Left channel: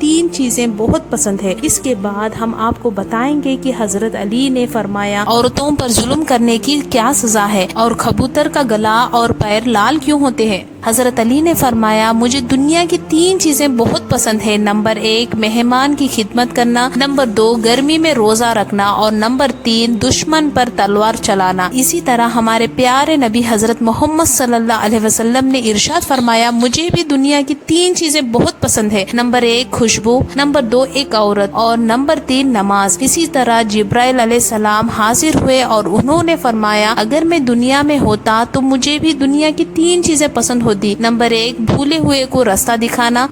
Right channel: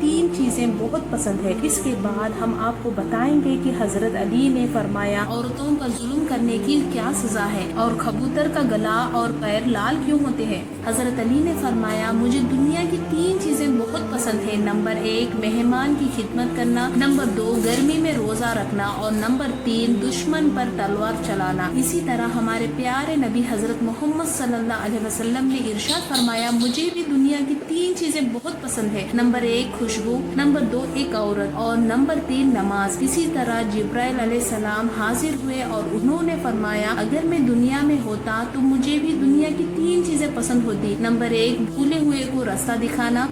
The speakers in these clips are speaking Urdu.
3 چیزیں بہت پسند ہے۔ اس کے بعد ہم آپ کو بتائیں گے کہ حضرت علی نے فرمایا عورتوں پر ظلم کرنے کی کیا سزا ہے اور کبوتر کا گلا اور پیر لال کیوں ہوتے ہیں۔ حضرت علی نے فرمایا مجھے دنیا کی 3 چیزیں بہت پسند ہیں۔ نمبر 1 مہمان کی خدمت کرنا، نمبر 2 گرمی میں روزہ رکھنا اور نمبر 3 دشمن پر تلوار چلانا۔ اسی طرح ہمارے پیارے نبی حضرت محمد صلی اللہ علیہ وسلم نے ارشاد فرمایا مجھے بھی دنیا کی 3 چیزیں بہت پسند ہے۔ نمبر 1 خوشبو، نمبر 2 ایک عورت اور نمبر 3 نماز۔ اسی طرح جبرائیل علیہ السلام حاضر ہوئے اور انہوں نے فرمایا اگر میں دنیا میں ہوتا تو مجھے بھی دنیا کی 3 چیزیں پسند ہوتی۔ نمبر 1 بھولے ہوئے کو راستہ دکھانا،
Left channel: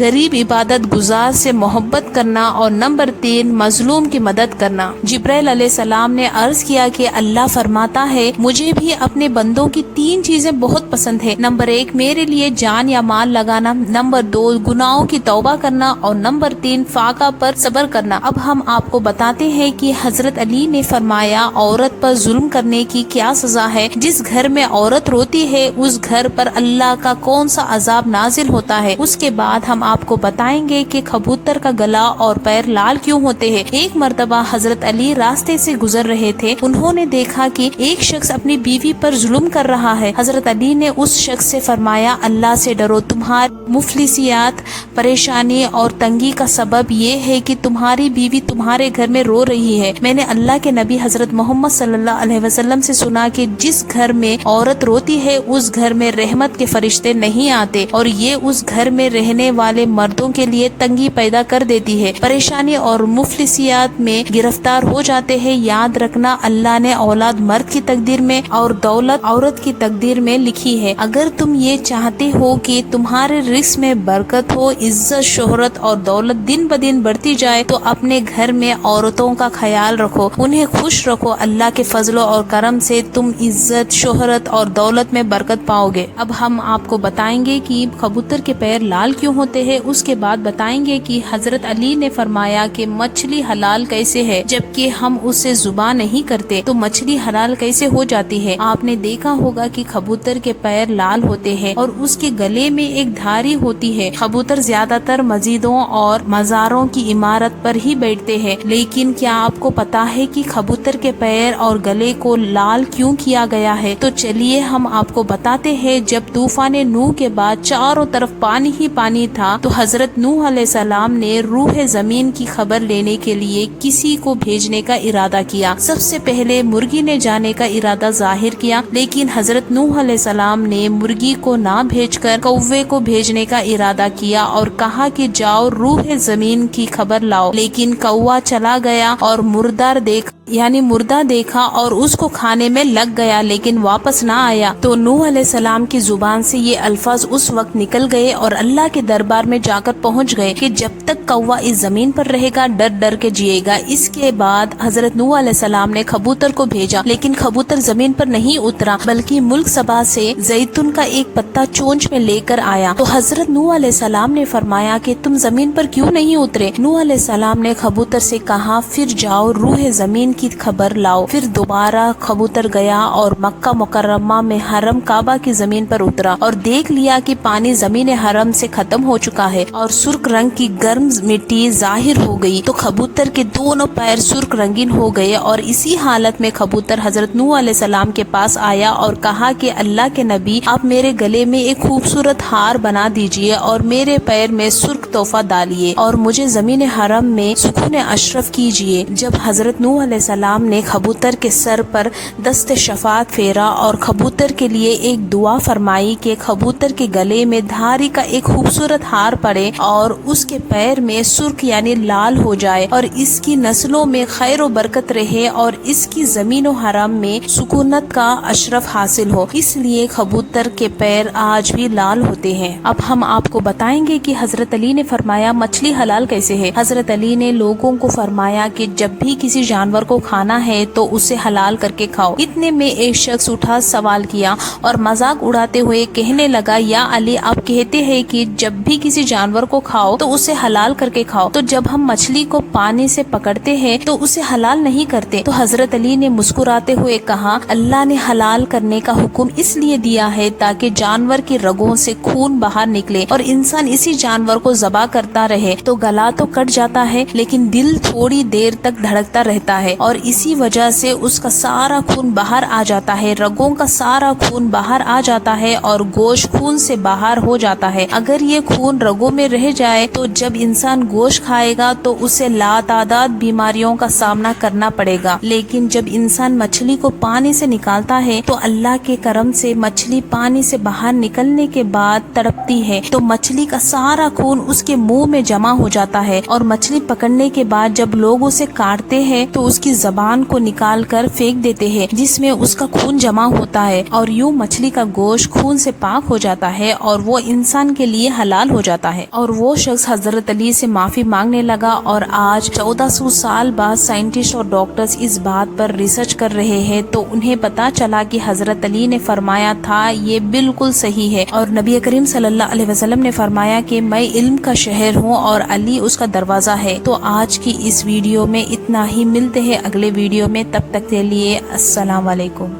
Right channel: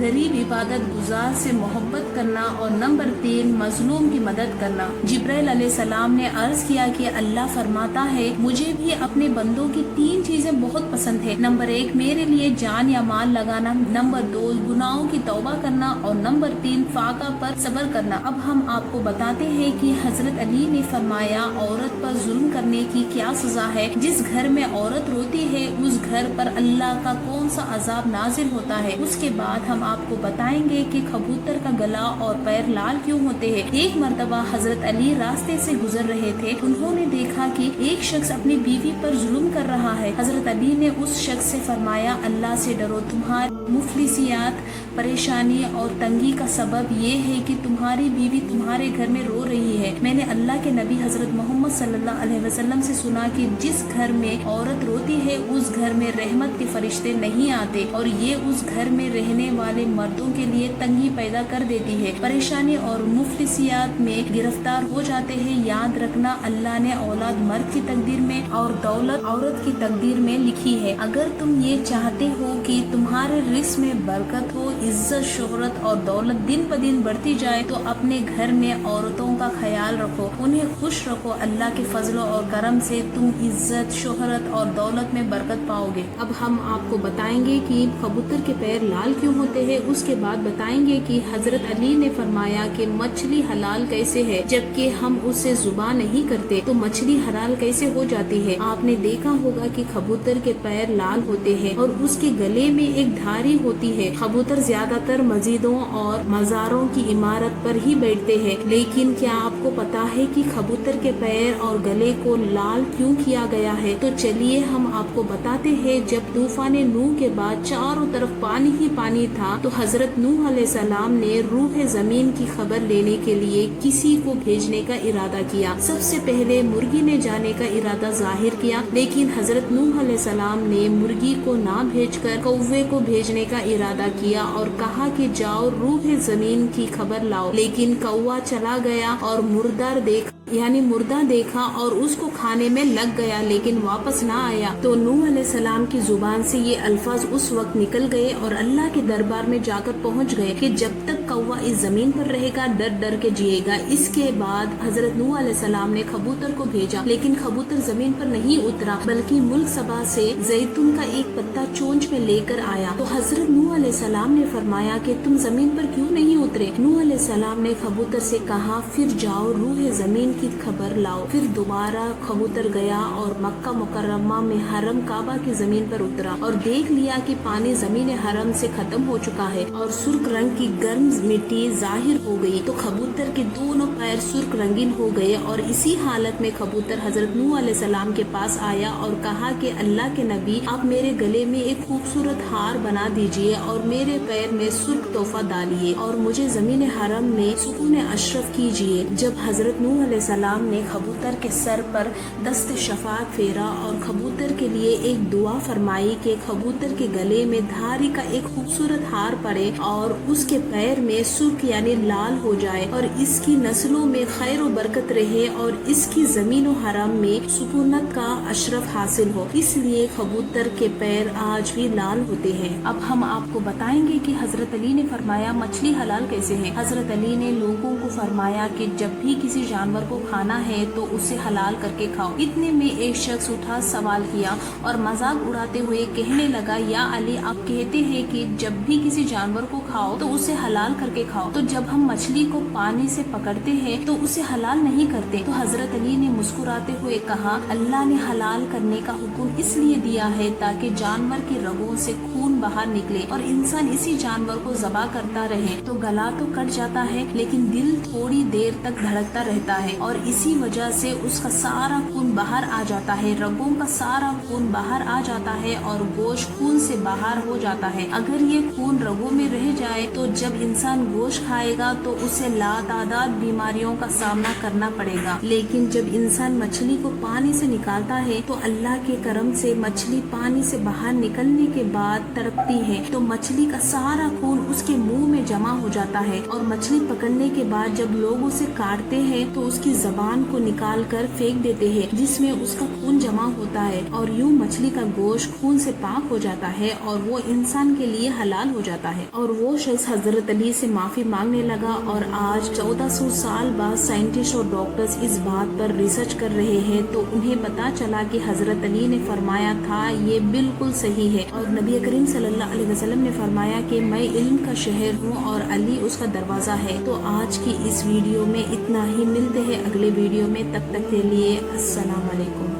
غریب عبادت گزار سے محبت کرنا اور نمبر 3 مظلوم کی مدد کرنا۔ جبرائیل علیہ السلام نے عرض کیا کہ اللہ فرماتا ہے مجھے بھی اپنے بندوں کی 3 چیزیں بہت پسند ہے۔ نمبر 1 میرے لیے جان یا مال لگانا، نمبر 2 گناہوں کی توبہ کرنا اور نمبر 3 فاقہ پر صبر کرنا۔ اب ہم آپ کو بتاتے ہیں کہ حضرت علی نے فرمایا عورت پر ظلم کرنے کی کیا سزا ہے۔ جس گھر میں عورت روتی ہے اس گھر پر اللہ کا کون سا عذاب نازل ہوتا ہے۔ اس کے بعد ہم آپ کو بتائیں گے کہ کبوتر کا گلا اور پیر لال کیوں ہوتے ہیں۔ ایک مرتبہ حضرت علی راستے سے گزر رہے تھے، انہوں نے دیکھا کہ ایک شخص اپنی بیوی پر ظلم کر رہا ہے۔ حضرت علی نے اس شخص سے فرمایا اللہ سے ڈرو، تمہاری مفلسیات، پریشانی اور تنگی کا سبب یہ ہے کہ تمہاری بیوی تمہارے گھر میں رو رہی ہے۔ میں نے اللہ کے نبی حضرت محمد صلی اللہ علیہ وسلم سے سنا کہ جس گھر میں عورت روتی ہے اس گھر میں رحمت کے فرشتے نہیں آتے اور یہ اس گھر میں رہنے والے مردوں کے لیے تنگی پیدا کر دیتی ہے، پریشانی اور مفلسیات میں گرفتار ہو جاتے ہیں۔ یاد رکھنا اللہ نے اولاد مرد کی تقدیر میں اور دولت عورت کی تقدیر میں لکھی ہے۔ اگر تم یہ چاہتے ہو کہ تمہارے رزق میں برکت ہو، عزت، شہرت اور دولت دن بدن بڑھتی جائے تو اپنے گھر میں عورتوں کا خیال رکھو، انہیں خوش رکھو۔ اللہ کے فضل اور کرم سے تم عزت، شہرت اور دولت میں برکت پاؤ گے۔ اب ہم آپ کو بتائیں گے کہ کبوتر کے پیر لال کیوں ہوتے ہیں۔ اس کے بعد بتائیں گے کہ حضرت علی نے فرمایا کہ مچھلی حلال کیسے ہے جبکہ ہم اسے ذبح نہیں کرتے، تو مچھلی حلال کیسے ہو جاتی ہے۔ آپ نے دیکھا ہوگا کہ کبوتر کے پیر لال ہوتے ہیں اور اس کے گلے میں ایک دھاری ہوتی ہے۔ کبوتر زیادہ تر مسجدوں اور مزاروں کی عمارت پر ہی بیٹھتے ہیں، لیکن کیا آپ کو پتا ہے کہ کبوتر کے پیر اور گلے کو لال کیوں کیا گیا ہے؟ تو چلیے ہم آپ کو بتاتے ہیں۔ جب طوفان نوح کے بعد چاروں طرف پانی ہی پانی تھا تو حضرت نوح علیہ السلام نے روح زمین کی خبر لینے کے لیے کسی کو بھیجنے کا ارادہ کیا۔ سب سے پہلے مرغی نے جانے کا ارادہ ظاہر کیا، لیکن حضرت نوح علیہ السلام نے مرغی کو نہ بھیج کر کوے کو بھیجنے کا ارادہ کیا اور کہا کہ جاؤ روح زمین کی خبر لاؤ، لیکن کوا چلا گیا اور مردہ دیکھا اور اس کو کھانے میں لگ گیا لیکن واپس نہ آیا۔ تو نوح علیہ السلام کی زبان سے یہ الفاظ اس وقت نکل گئے اور اللہ کے دربار میں جا کر پہنچ گئے کہ جب تک کوا اس زمین پر رہے گا ڈر ڈر کے جیے گا۔ اس کے بعد حضرت نوح علیہ السلام نے کبوتر کو بھیجا، لیکن کبوتر زمین پر نہیں اترا بلکہ ملک سبا سے زیتون کا ایک پتا چونچ میں لے کر آیا۔ تو حضرت نوح علیہ السلام نے فرمایا کہ تم زمین پر کیوں نہیں اترے؟ نوح علیہ السلام نے کبوتر سے کہا پھر جاؤ روح زمین کی خبر لاؤ۔ پھر دوبارہ کبوتر گیا اور مکہ مکرمہ میں حرم کعبہ کی زمین پر اترا اور دیکھ لیا کہ پانی زمین حرم سے ختم ہو چکا ہے اور سرخ رنگ کی گرم مٹی ظاہر ہو گئی۔ تو کبوتر کے دونوں پیر سرخ رنگین ہو گئے اور اسی حالت میں کبوتر حضرت نوح علیہ السلام کے پاس آیا اور کہا کہ اللہ کے نبی آپ میرے گلے میں ایک خوبصورت ہار بنا دیجئے اور میرے پیر میں سرخ تحفہ ڈالیے اور مجھے زمین حرم میں سکون اشرف کیجئے۔ جب حضرت نوح علیہ السلام نے کبوتر کے سر پر دست شفاعت پھیرا اور کبوتر کے لیے ایک دعا فرمائی کہ کبوتر کے گلے میں دھاری کا ایک خوبصورت ہار پڑے اور اس کے پیر میں سرخ لال ہو جائے اور اس کی نسلوں میں خیر و برکت رہے اور اس کی زمین و حرم میں سکونت کا اشرف حاصل ہو، اس لیے کبوتر کے پیر آج بھی لال ہوتے ہیں۔ اب ہم آپ کو بتائیں گے کہ حضرت علی نے فرمایا مچھلی حلال کیسے ہے۔ حضرت علی نے لوگوں کو فرمایا کہ جب بھی کسی جانور کو کھانا ہے تو اسے حلال کر کے کھاؤ۔ اتنے میں ایک شخص اٹھا سوال کیا اور مذاق اڑاتے ہوئے کہنے لگا، یا علی آپ کہتے ہیں کہ جب بھی کسی جانور کو کھاؤ تو اسے حلال کر کے کھاؤ، تو جب ہم مچھلی کو پانی سے پکڑتے ہیں تو اسے حلال نہیں کرتے؟ تو حضرت علی نے مسکراتے ہوئے کہا، اللہ نے حلال کرنے کا حکم اس لیے دیا ہے تاکہ جانور کی رگوں سے خون باہر نکلے اور انسان اسی جانور کو ذبح کرتا رہے تو گلا تو کٹ جاتا ہے لیکن دل تھوڑی دیر تک دھڑکتا رہتا ہے اور اسی وجہ سے اس کا سارا خون باہر آ جاتا ہے، رگوں کا سارا خون باہر آ جاتا ہے اور گوشت خون سے باہر ہو جاتا ہے۔ اگر یہ خون رگوں میں رہ جائے تو جب انسان گوشت کھائے گا تو اسے لاتعداد بیماریوں کا سامنا کرنا پڑے گا، لیکن جب انسان مچھلی کو پانی سے نکالتا ہے تو اللہ کے کرم سے مچھلی پانی سے باہر نکلنے کے بعد تڑپتی ہے تو مچھلی کا سارا خون اس کے منہ میں جمع ہو جاتا ہے اور مچھلی پکڑنے کے بعد جب لوگ اسے کاٹتے ہیں تو اس کی زبان کو نکال کر پھینک دیتے ہیں جس میں اس کا خون جمع ہوتا ہے اور یوں مچھلی کا گوشت خون سے پاک ہو جاتا ہے اور وہ انسان کے لیے حلال ہو جاتا ہے۔ اور وہ شخص حضرت علی سے معافی مانگنے لگا اور آج 1400 سال بعد سائنٹسٹ اور ڈاکٹرز اس بات پر ریسرچ کر رہے ہیں تو انہیں پتا چلا کہ حضرت علی نے فرمایا تھا یہ بالکل صحیح ہے، اور نبی کریم صلی اللہ علیہ وسلم نے فرمایا کہ میں علم کا شہر ہوں اور علی اس کا دروازہ ہے۔ تو آج کی اس ویڈیو میں اتنا ہی، ملتے ہیں اگلے ویڈیو میں، تب تک کے لیے السلام علیکم۔